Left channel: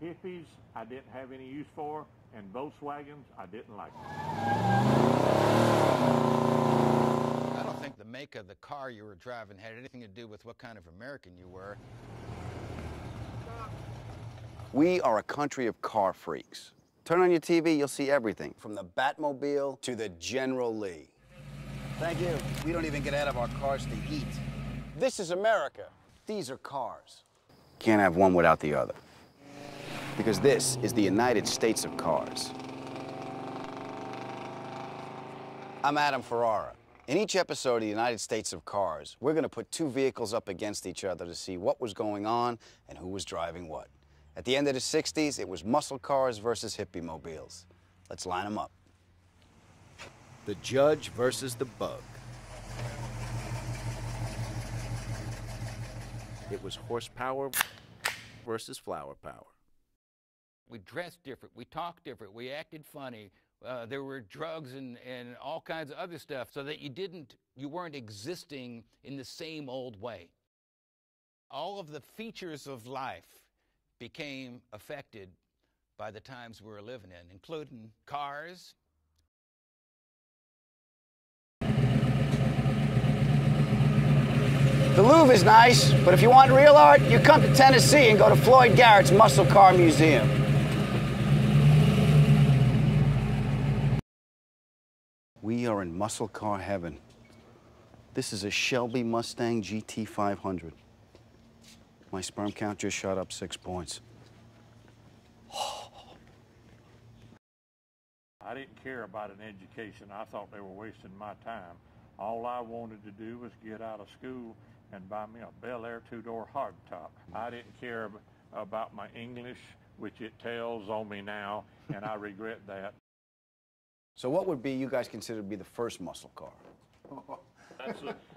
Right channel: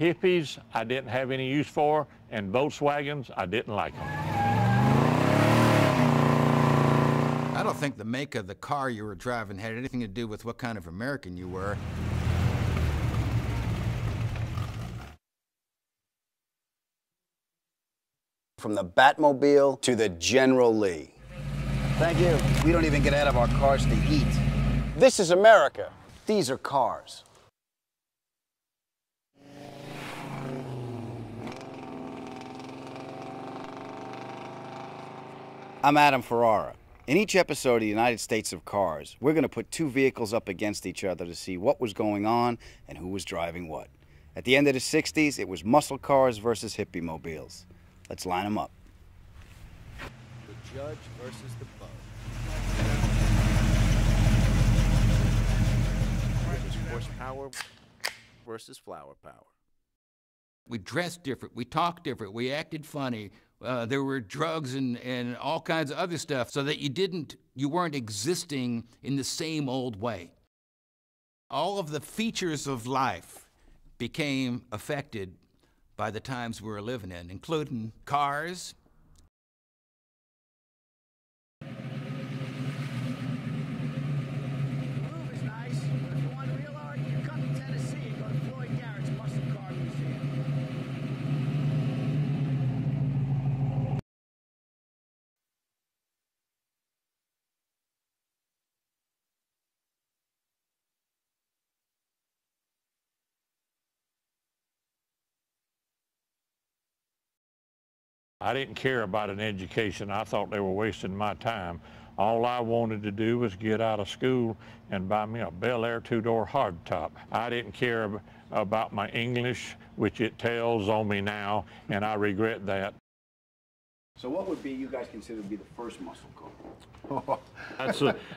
Hippies, I didn't have any use for, and Volkswagens, I didn't like them. I don't think the make of the car you were driving had anything to do with what kind of American you were. We are a country of car freaks. Turn on your TV, you'll see everything, from the Batmobile to the General Lee. Thank you. We don't even get out of our cars to eat. This is America. These are cars. Can't have one without the other. Because this is the United States of cars. I'm Adam Ferrara. In each episode of the United States of Cars, we're going to put two vehicles up against each other to see what was going on and who was driving what. At the end of the 60s, it was muscle cars versus hippie mobiles. Let's line them up. The Judge versus the Bug. It was horsepower versus flower power. We dressed different, we talked different, we acted funny. There were drugs and all kinds of other stuff so that you weren't existing in the same old way. All of the features of life became affected by the times we were living in, including cars. The Louvre is nice, but if you want real art, you come to Tennessee and go to Floyd Garrett's Muscle Car Museum. We are in muscle car heaven. This is a Shelby Mustang GT 500. My sperm count just shot up 6 points. I didn't care about an education. I thought they were wasting my time. All I wanted to do was get out of school and buy me a Bel Air two-door hardtop. I didn't care about my English, which it tells on me now, and I regret that. So what would be you guys consider to be the first muscle car?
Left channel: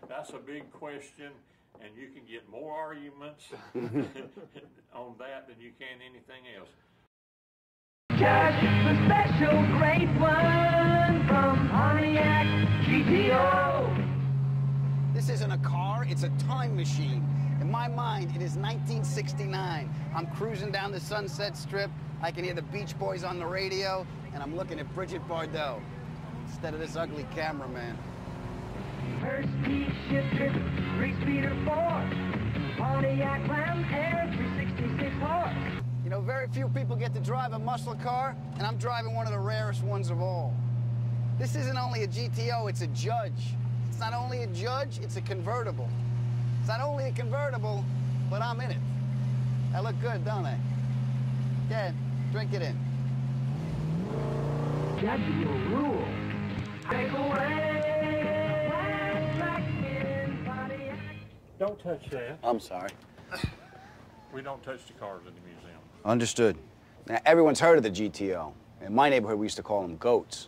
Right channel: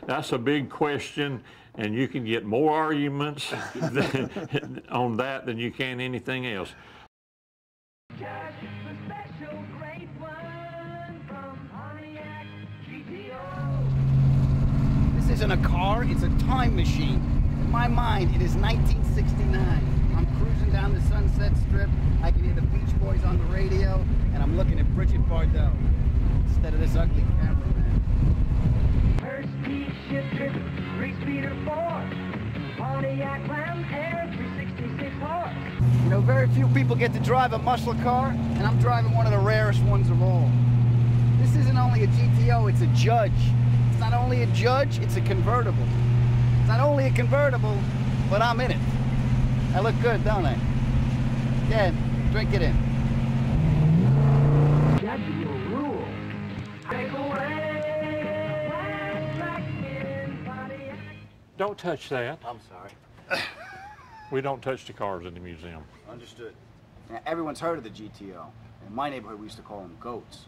That's a big question, and you can get more arguments on that than you can anything else. Just the special great one from Pontiac GTO. This isn't a car, it's a time machine. In my mind, it is 1969. I'm cruising down the Sunset Strip. I can hear the Beach Boys on the radio, and I'm looking at Bridget Bardot instead of this ugly cameraman. First speed shifter, 3-speeder 4. Pontiac Clown Air 366 horse. You know, very few people get to drive a muscle car, and I'm driving one of the rarest ones of all. This isn't only a GTO, it's a Judge. It's not only a Judge, it's a convertible. It's not only a convertible, but I'm in it. I look good, don't I? Yeah, drink it in. Judge will rule. Take away. Black in Pontiac. Don't touch that. I'm sorry. We don't touch the cars in the museum. Understood. Now, everyone's heard of the GTO. In my neighborhood, we used to call them goats.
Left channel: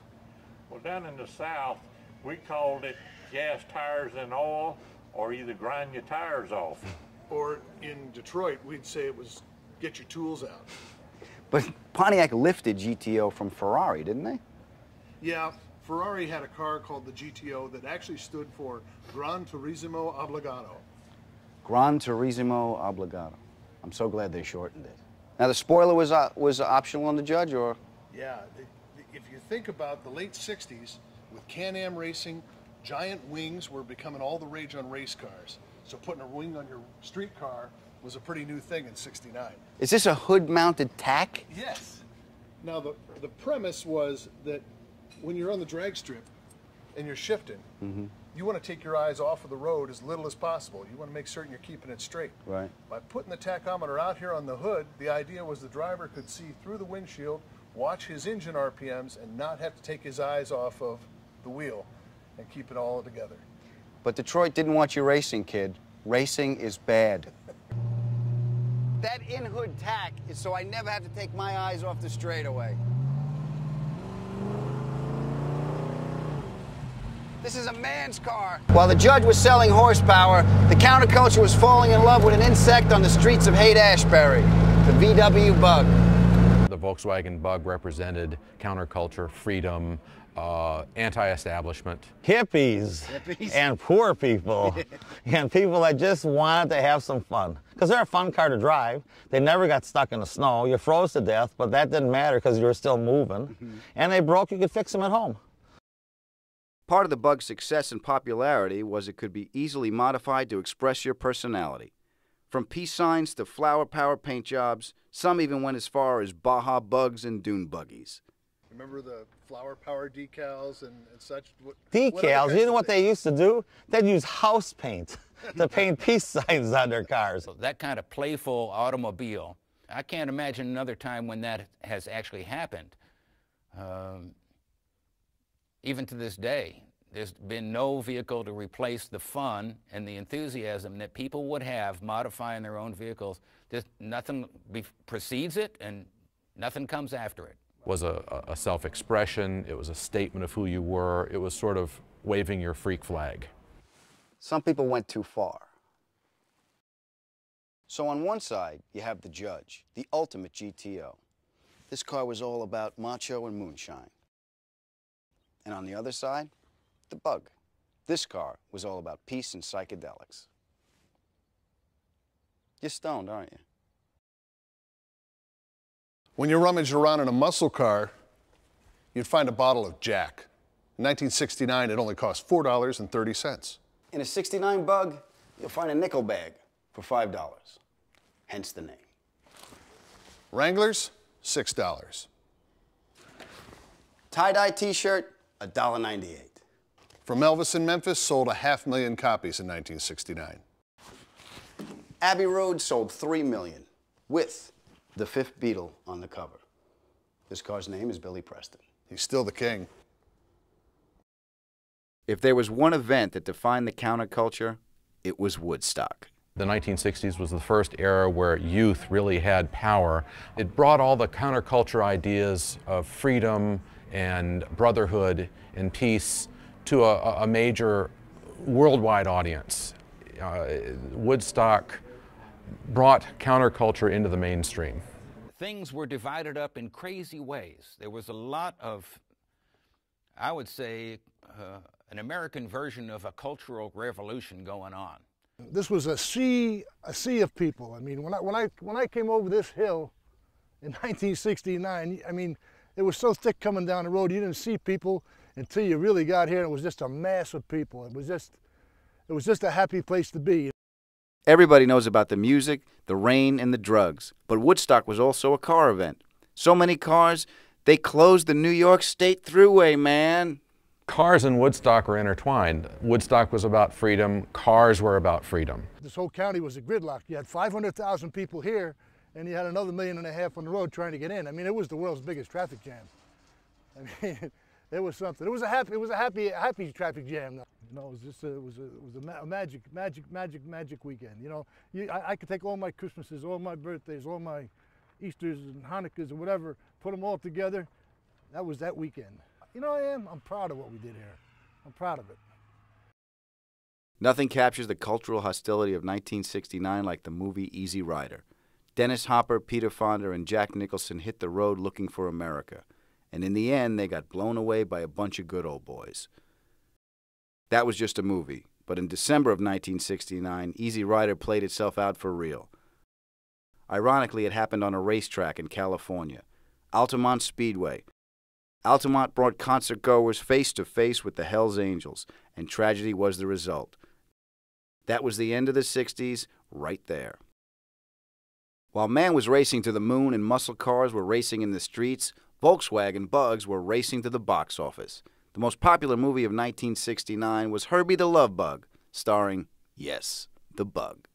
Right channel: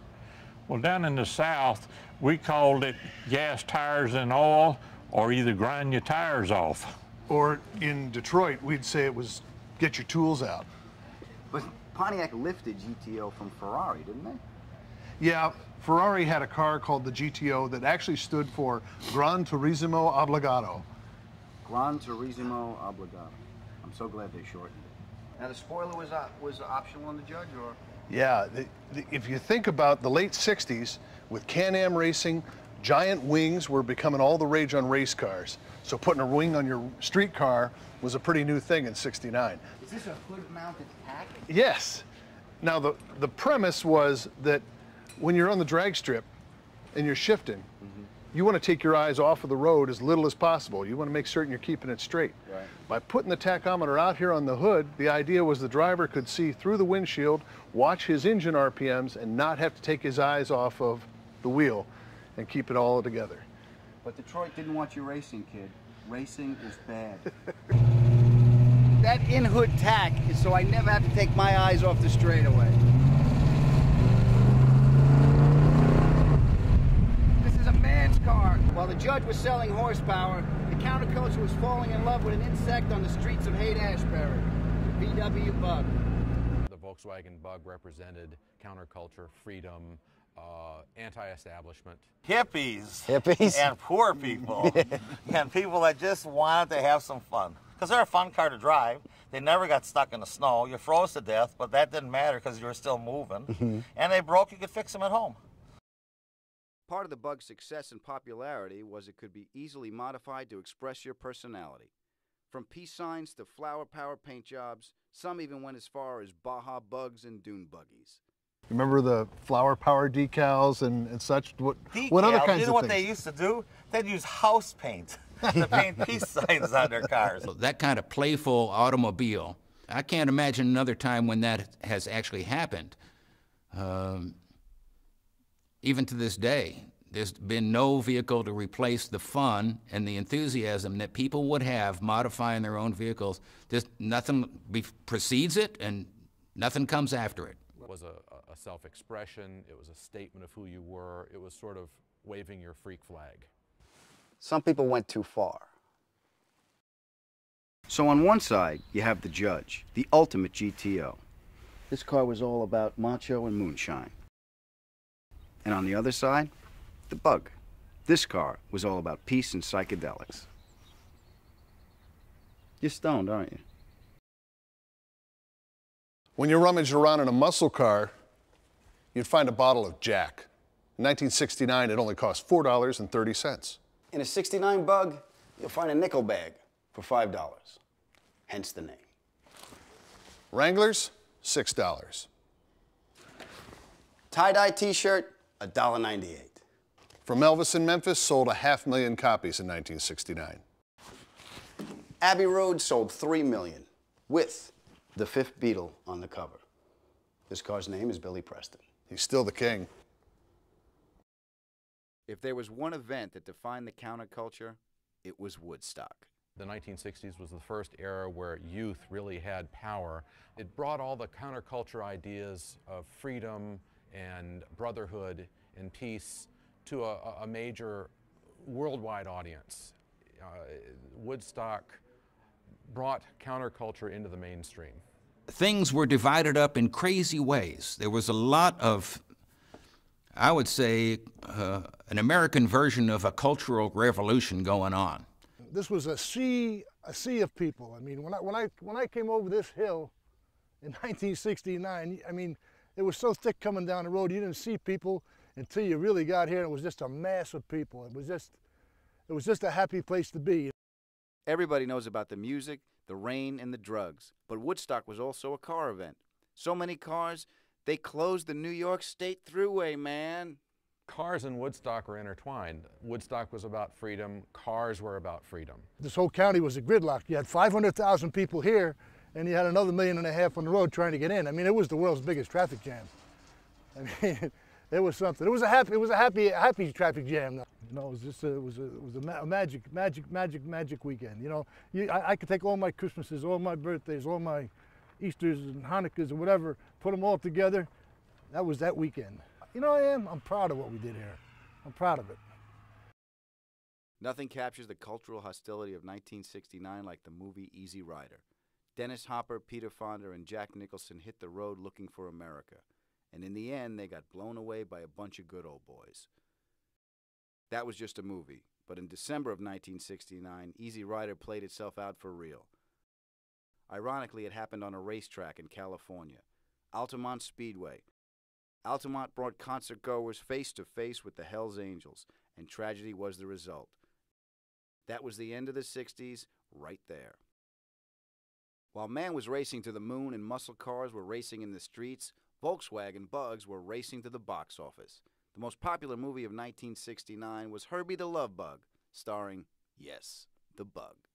Well, down in the South, we called it gas, tires, and oil, or either grind your tires off. Or in Detroit, we'd say it was get your tools out. But Pontiac lifted GTO from Ferrari, didn't they? Yeah, Ferrari had a car called the GTO that actually stood for Gran Turismo Obbligato. Gran Turismo Obbligato. I'm so glad they shortened it. Now, the spoiler was optional on the Judge, or? Yeah, if you think about the late 60s, with Can-Am racing, giant wings were becoming all the rage on race cars. So putting a wing on your street car was a pretty new thing in '69. Is this a hood-mounted tack? Yes. Now, the premise was that when you're on the drag strip and you're shifting, you want to take your eyes off of the road as little as possible. You want to make certain you're keeping it straight. Right. By putting the tachometer out here on the hood, the idea was the driver could see through the windshield, watch his engine RPMs, and not have to take his eyes off of the wheel and keep it all together. But Detroit didn't want you racing, kid. Racing is bad. That in-hood tack is so I never have to take my eyes off the straightaway. This is a man's car. While the Judge was selling horsepower, the counterculture was falling in love with an insect on the streets of Haight-Ashbury, the VW Bug. The Volkswagen Bug represented counterculture, freedom, anti-establishment. Hippies. Hippies? And poor people. And people that just wanted to have some fun. Because they're a fun car to drive. They never got stuck in the snow. You froze to death, but that didn't matter because you were still moving. And they broke, you could fix them at home. Part of the Bug's success and popularity was it could be easily modified to express your personality. From peace signs to flower power paint jobs, some even went as far as Baja bugs and dune buggies. Remember the flower power decals and such? What other Decals, kinds you know of what they things? used to do? They'd use house paint to paint peace signs on their cars. That kind of playful automobile, I can't imagine another time when that has actually happened. Even to this day, there's been no vehicle to replace the fun and the enthusiasm that people would have modifying their own vehicles. Just nothing precedes it and nothing comes after it. It was a self-expression, it was a statement of who you were, it was sort of waving your freak flag. Some people went too far. So on one side, you have the Judge, the ultimate GTO. This car was all about macho and moonshine. And on the other side, the Bug. This car was all about peace and psychedelics. You're stoned, aren't you? When you rummaged around in a muscle car, you'd find a bottle of Jack. In 1969, it only cost $4.30. In a 69 Bug, you'll find a nickel bag for $5. Hence the name. Wranglers, $6. Tie-dye t-shirt, $1.98. From Elvis in Memphis, sold 500,000 copies in 1969. Abbey Road sold 3 million, with the fifth Beatle on the cover. This car's name is Billy Preston. He's still the king. If there was one event that defined the counterculture, it was Woodstock. The 1960s was the first era where youth really had power. It brought all the counterculture ideas of freedom and brotherhood and peace to a major worldwide audience. Woodstock brought counterculture into the mainstream. Things were divided up in crazy ways. There was a lot of, I would say, an American version of a cultural revolution going on. This was a sea of people. I mean, when I came over this hill in 1969, I mean, it was so thick coming down the road, you didn't see people until you really got here, and it was just a mass of people. It was just a happy place to be. Everybody knows about the music, the rain, and the drugs, but Woodstock was also a car event. So many cars, they closed the New York State Thruway, man. Cars and Woodstock were intertwined. Woodstock was about freedom, cars were about freedom. This whole county was a gridlock. You had 500,000 people here, and you had another 1.5 million on the road trying to get in. I mean, it was the world's biggest traffic jam. I mean, it was something. It was a happy traffic jam. You know, it was a magic weekend. You know, I could take all my Christmases, all my birthdays, all my Easters and Hanukkahs and whatever, put them all together. That was that weekend. You know, I'm proud of what we did here. I'm proud of it. Nothing captures the cultural hostility of 1969 like the movie Easy Rider. Dennis Hopper, Peter Fonda, and Jack Nicholson hit the road looking for America. And in the end, they got blown away by a bunch of good old boys. That was just a movie, but in December of 1969, Easy Rider played itself out for real. Ironically, it happened on a racetrack in California, Altamont Speedway. Altamont brought concert-goers face-to-face with the Hells Angels, and tragedy was the result. That was the end of the 60s, right there. While man was racing to the moon and muscle cars were racing in the streets, Volkswagen Bugs were racing to the box office. The most popular movie of 1969 was Herbie the Love Bug, starring, yes, the Bug.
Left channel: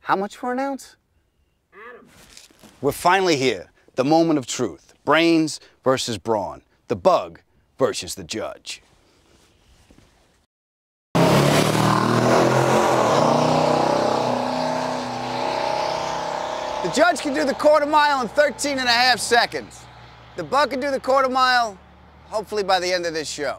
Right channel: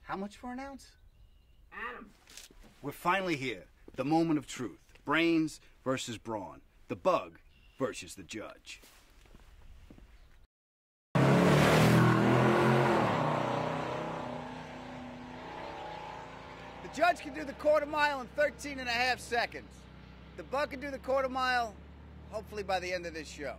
How much for an ounce? We're finally here. The moment of truth. Brains versus brawn. The Bug versus the Judge. The Judge can do the quarter mile in 13.5 seconds. The Bug can do the quarter mile, hopefully by the end of this show.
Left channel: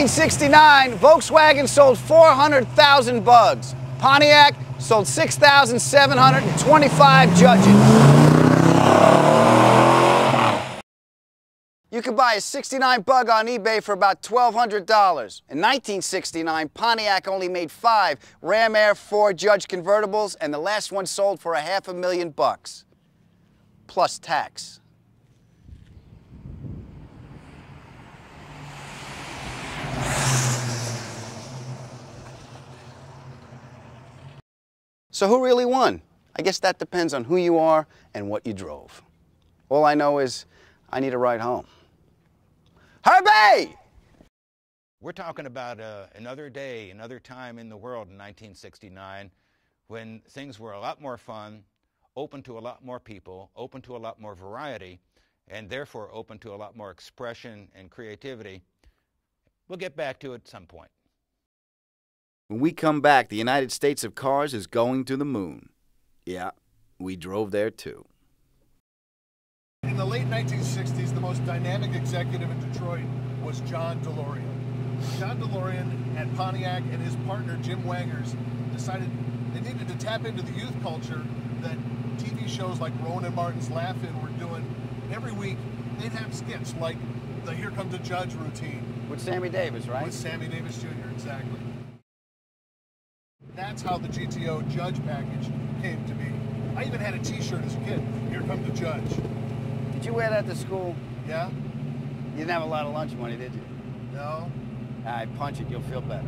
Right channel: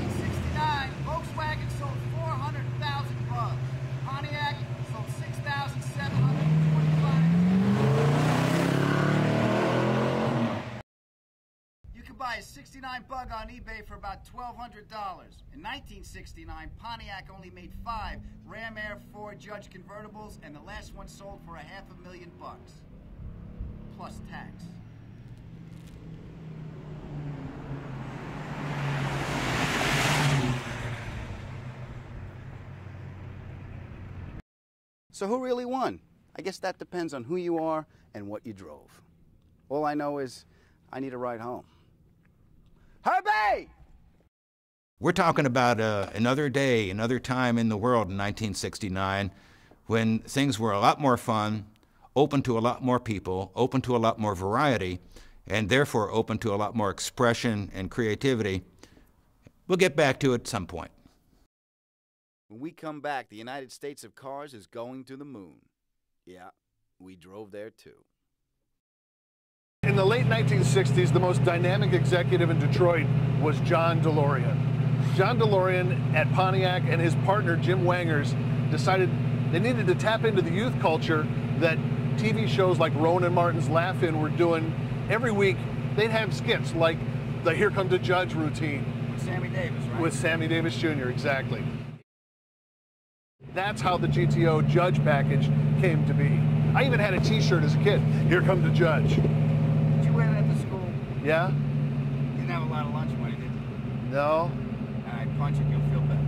1969, Volkswagen sold 400,000 Bugs. Pontiac sold 6,725 Judges. You could buy a 69 Bug on eBay for about $1,200. In 1969, Pontiac only made 5 Ram Air 4 Judge convertibles, and the last one sold for $500,000 plus tax. So who really won? I guess that depends on who you are and what you drove. All I know is I need a ride home. Herbie! We're talking about another day, another time in the world in 1969 when things were a lot more fun, open to a lot more people, open to a lot more variety, and therefore open to a lot more expression and creativity. We'll get back to it at some point. When we come back, the United States of cars is going to the moon. Yeah, we drove there too. In the late 1960s, the most dynamic executive in Detroit was John DeLorean. John DeLorean at Pontiac and his partner Jim Wangers decided they needed to tap into the youth culture that TV shows like Rowan and Martin's Laugh-In were doing. Every week, they'd have skits like the Here Comes the Judge routine. With Sammy Davis, right? With Sammy Davis Jr., exactly. That's how the GTO Judge package came to be. I even had a t-shirt as a kid. Here Comes the Judge. Did you wear that to school? Yeah? You didn't have a lot of lunch money, did you? No. All right, punch it, you'll feel better.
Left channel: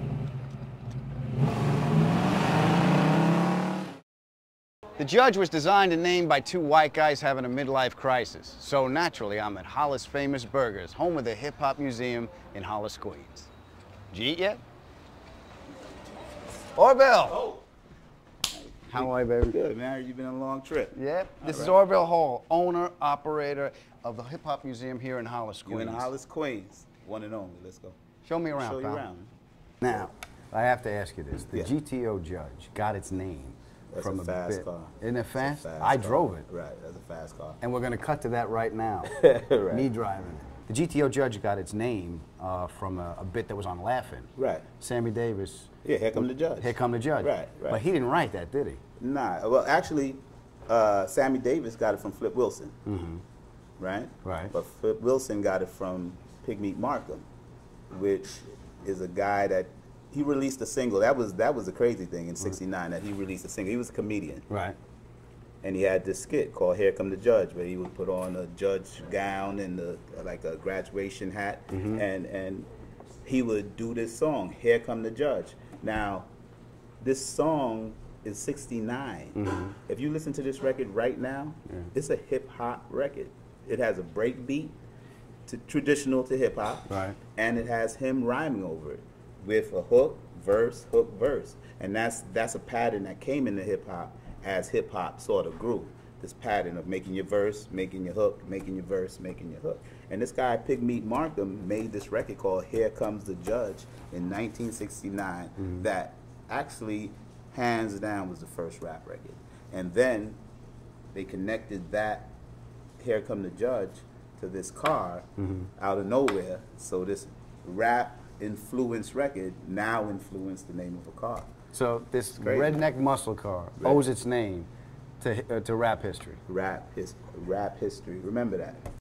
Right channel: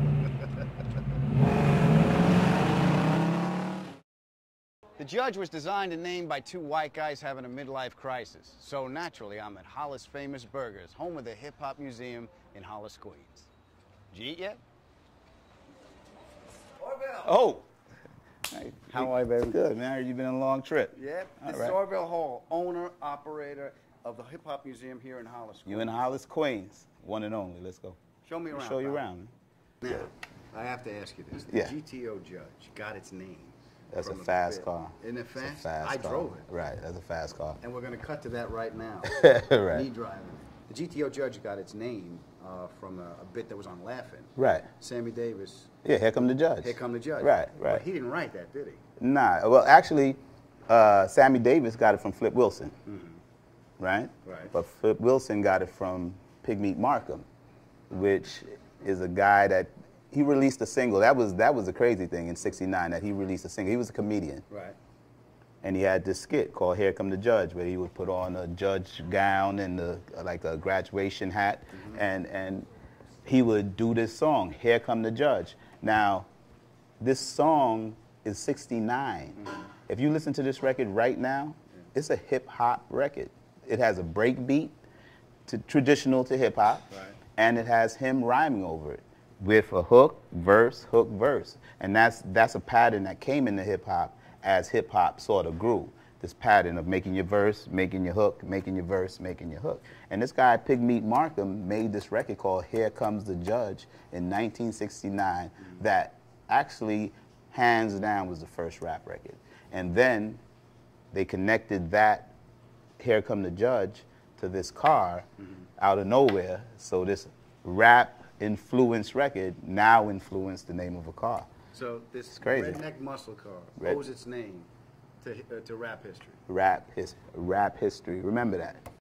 The Judge was designed and named by 2 white guys having a midlife crisis. So naturally, I'm at Hollis Famous Burgers, home of the Hip Hop Museum in Hollis, Queens. Did you eat yet? Orville! Oh! How are you, baby? Good, man. You've been on a long trip. Yep. This is right. Orville Hall, owner, operator of the Hip Hop Museum here in Hollis, Queens. You're in Hollis, Queens. One and only. Let's go. Show me around, Show you pal. around. Now, I have to ask you this. The Yeah. GTO Judge got its name That's from a fast bit. car. Isn't it fast? It's a fast I car. drove it. Right, that's a fast car. And we're going to cut to that right now. Right. Me driving it. The GTO Judge got its name from a bit that was on Laugh-In. Right. Sammy Davis. Yeah, Here Come the Judge. Here Come the Judge. Right, right. But he didn't write that, did he? Nah, well, actually, Sammy Davis got it from Flip Wilson. Mm-hmm. Right? Right. But Flip Wilson got it from Pigmeat Markham, which is a guy that he released a single. That was the crazy thing in '69 that he released a single. He was a comedian. Right. And he had this skit called Here Come the Judge, where he would put on a judge gown and like a graduation hat, and he would do this song, Here Come the Judge. Now, this song is '69. If you listen to this record right now, it's a hip-hop record. It has a break beat, traditional to hip-hop, Right. and it has him rhyming over it with a hook, verse, and that's a pattern that came into hip-hop as hip-hop sort of grew. This pattern of making your verse, making your hook, making your verse, making your hook. And this guy, Pigmeat Markham, made this record called Here Comes the Judge in 1969 that actually, hands down, was the first rap record. And then they connected that Here Come the Judge to this car out of nowhere. So this rap-influenced record now influenced the name of a car. So this crazy. redneck muscle car owes its name to rap history. Rap history. Remember that.